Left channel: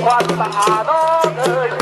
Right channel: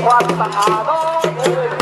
ค打าม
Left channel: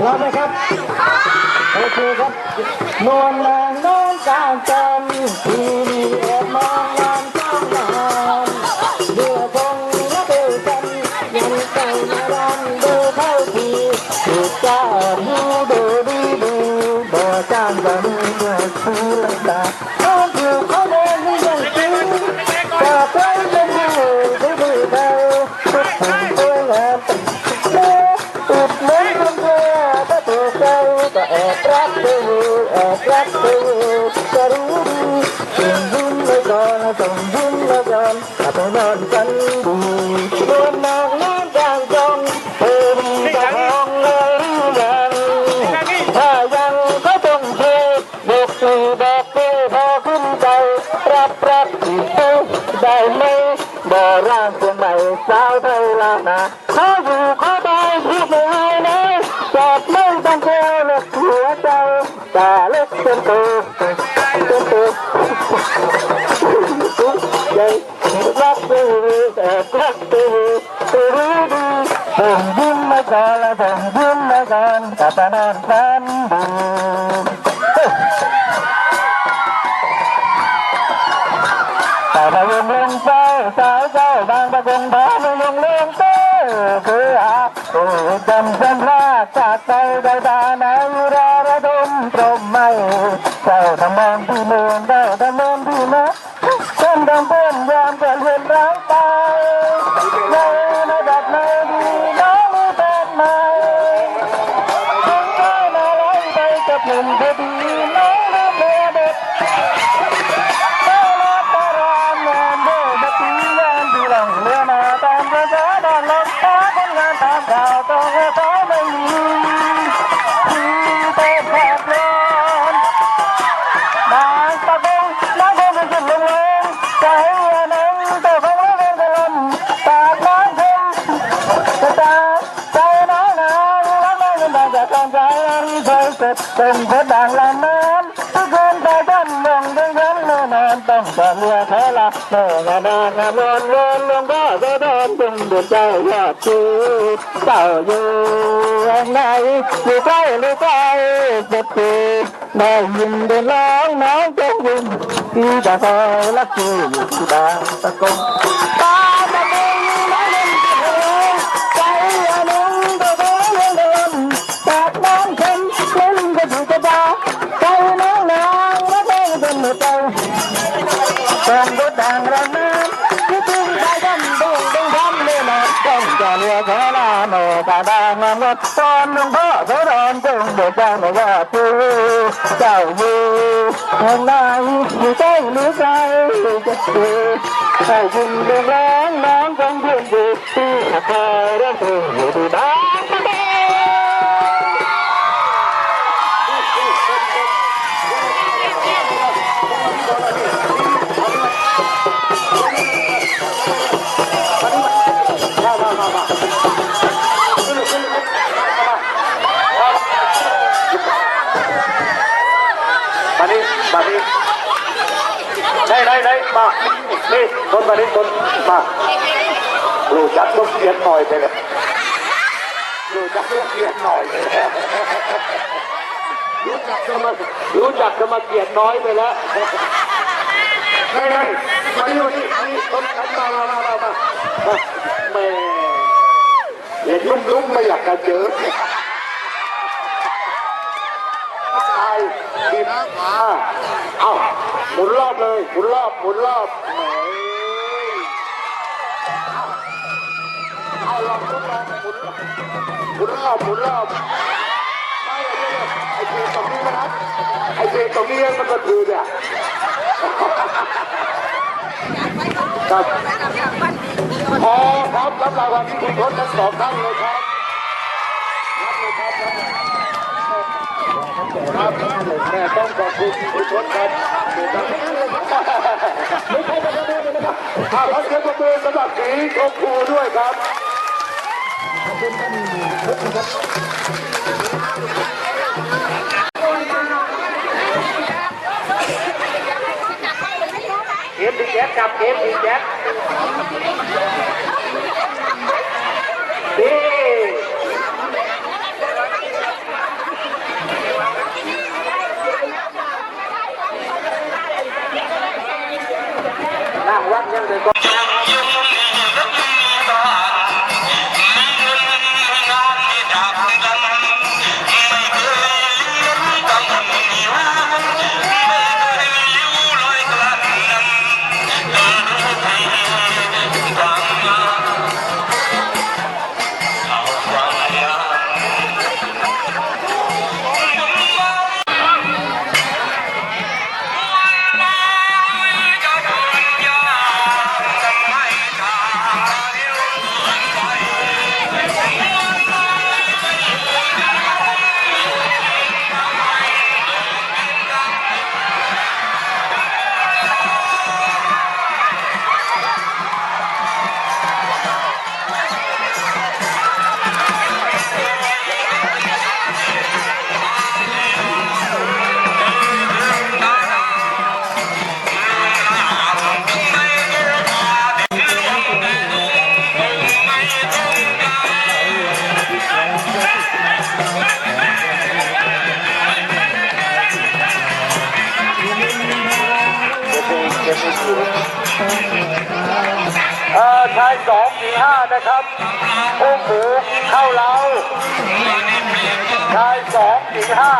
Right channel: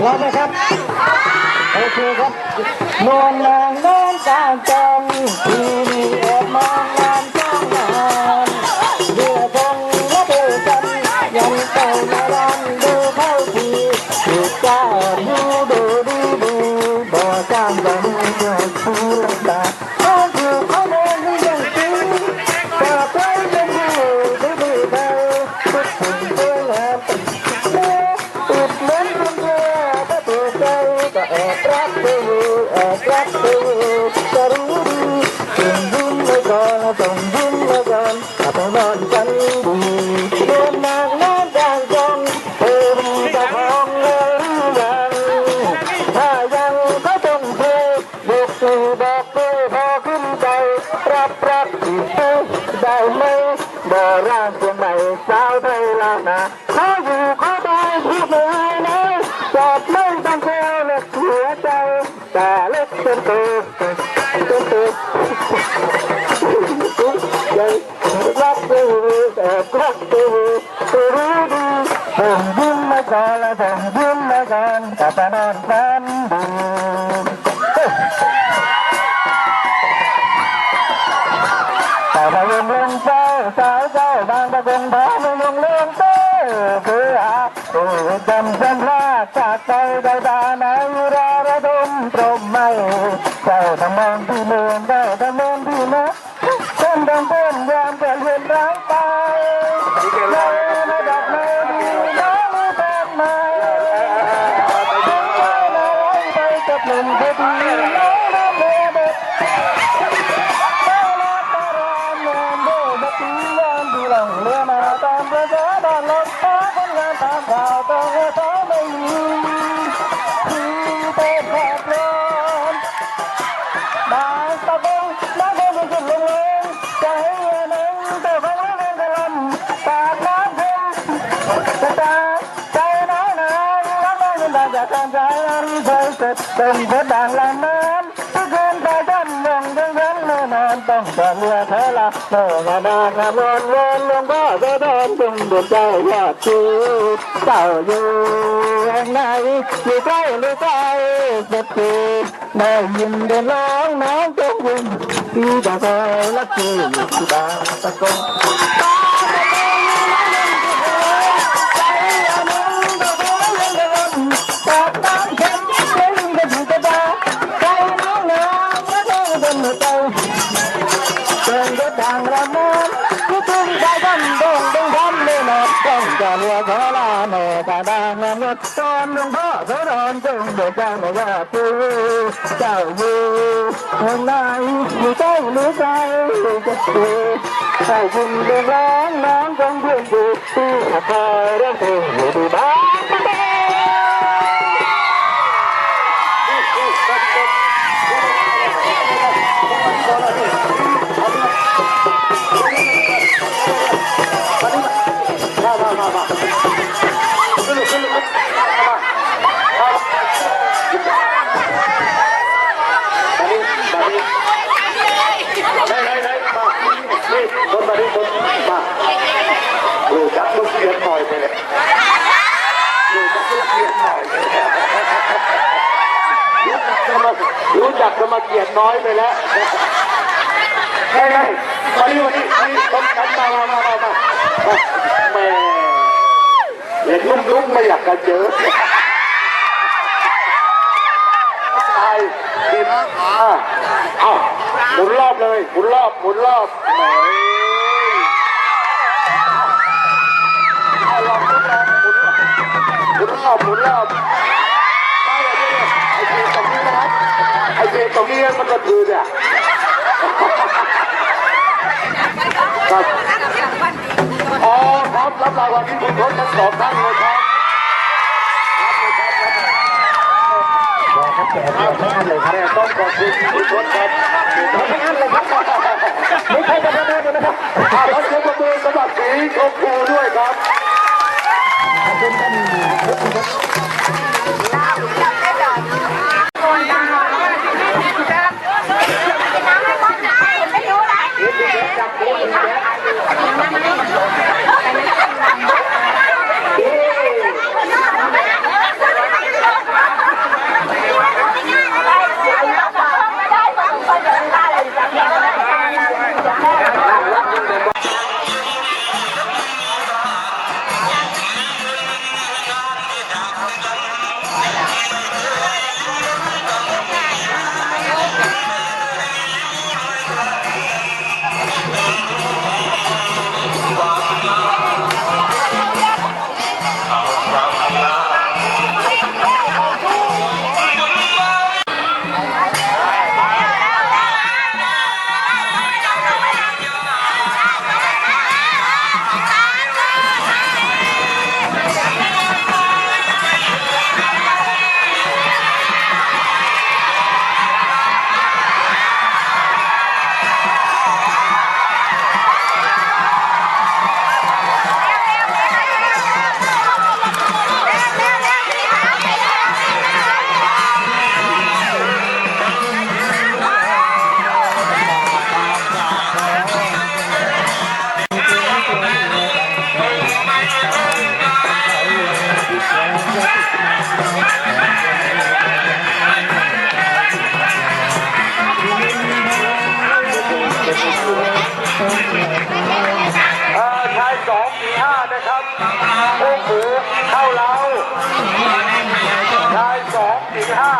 พร้อมไหมครับโอเคครับนอนนองนอนกลางจันทร์ทีวีแอบมองงาน อุดหนุนคุณเธอถ้าถูกใจก็แอบรักเธอแอบรักเธอจะรู้ดีส่งยิ้มเลยก่อนส่งยิ้มเลยก่อนถ้าไปนอนกันดีเดินมองน้ำจางจงเธอมีเจ้าของเลยหรือยังถ้ายังก็ต้องเธอยกมือบอกเธอพอขึ้นใจรับรักอีกเธอได้ไหมบ่ร่างเพียงใหม่สาวไทยลานา รักเธอแต่รักเธอเธอรู้ดีผมยิ้มมาก่อนแล้วผมยิ้มมาก่อนกลับนอนฝันดีแต่มาเรื่องเรื่องเจ้าสาวเจ้าบางประกงพามาเรื่องเลืองเจ้าคืออาโอ้จำจำลาจากใจใจตาในราระดมตรมไม่เจ้าทำมองที่เมืองเจ้าทำมองที่นะฉั นต้องเป็นยามจะเรียนร้าง เป็นเพชรด่างลำน้ำทุกคนตาจ้ำมองดึงทั้งนานต้องจะเรือเธอละโน่นนานนวนวนลงก็จะเดินจึงดินใจยอดชีเจ้าอยู่ไหนอยู่ใกล้หรือไกลเจะตีได้ยินเดินร้องน้องจงยินที่จะคอยรักคืออยู่ที่บางตะกงตาตะกง ตาดางมดตอนหลวงพ่อโสดอนจงเบิกใจไม่ว่าผู้เจ้าอยู่ทางไหนอยู่ใกล้หรือไกลจะเจอให้คุณเดินร้องน้องจงเพื่อนดูที่คอยเรื่องเธออยู่ดีบ้าง ยนหน่อยไปเลยรู้จักลูกเขียนหน่อยไปแล้วรู้จักจะมารู้จักจะมาเกียดน้อยไปแล้วไงไงมาดิมาดินี่ต้นกันมามามามามาแม่เห็นลุ่มลุ่มไม่อยากจะเจอตายดีมากมาเอ้าหมุนรอบเลยหมุนรอบหมุนรอบแหม เอาลองทดลองหมุนหมุนรอบหมุนรอบไม่เลยเนี่ยไอ้เจตรงนี้นะครับไอ้เจตรงนี้มันก็คือเนี่ยครับอ๋อครับรับรางวัลที่คุณทศทั้งสองท่านเลยครับรับเลยครับรับเลยครับแม่ต้องขอบคุณคุณทศครับไม่ใช่ครับนะครับขอเสียงปรบมือสำหรับสีชมพูด้วยครับ เอ็นดีแจ๊คกับเอ็นดีแจ๊คเอ๊ะ โอ้โหเข้าเราชายสองสี่ห้า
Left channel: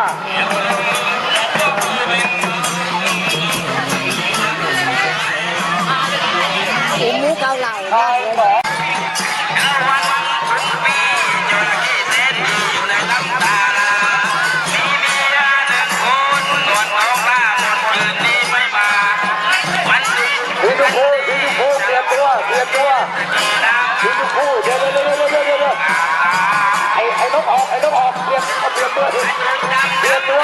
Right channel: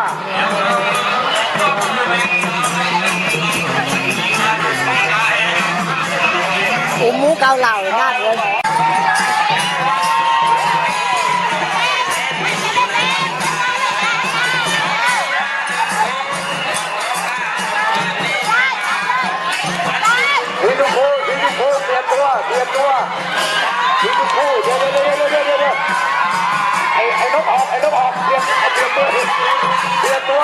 หมูหมูเกาเหลาได้เลยทีทุกคู่ทีทุกคู่เปลี่ยนตัวเปลี่ยนตัว ทีทุกคู่เดี๋ยวเดี๋ยวเดี๋ยวเดี๋ยวเดี๋ยวไอ้ไอ้นกออกไอ้นกออกเปลี่ยนเปลี่ยนตัวเปลี่ยนตัว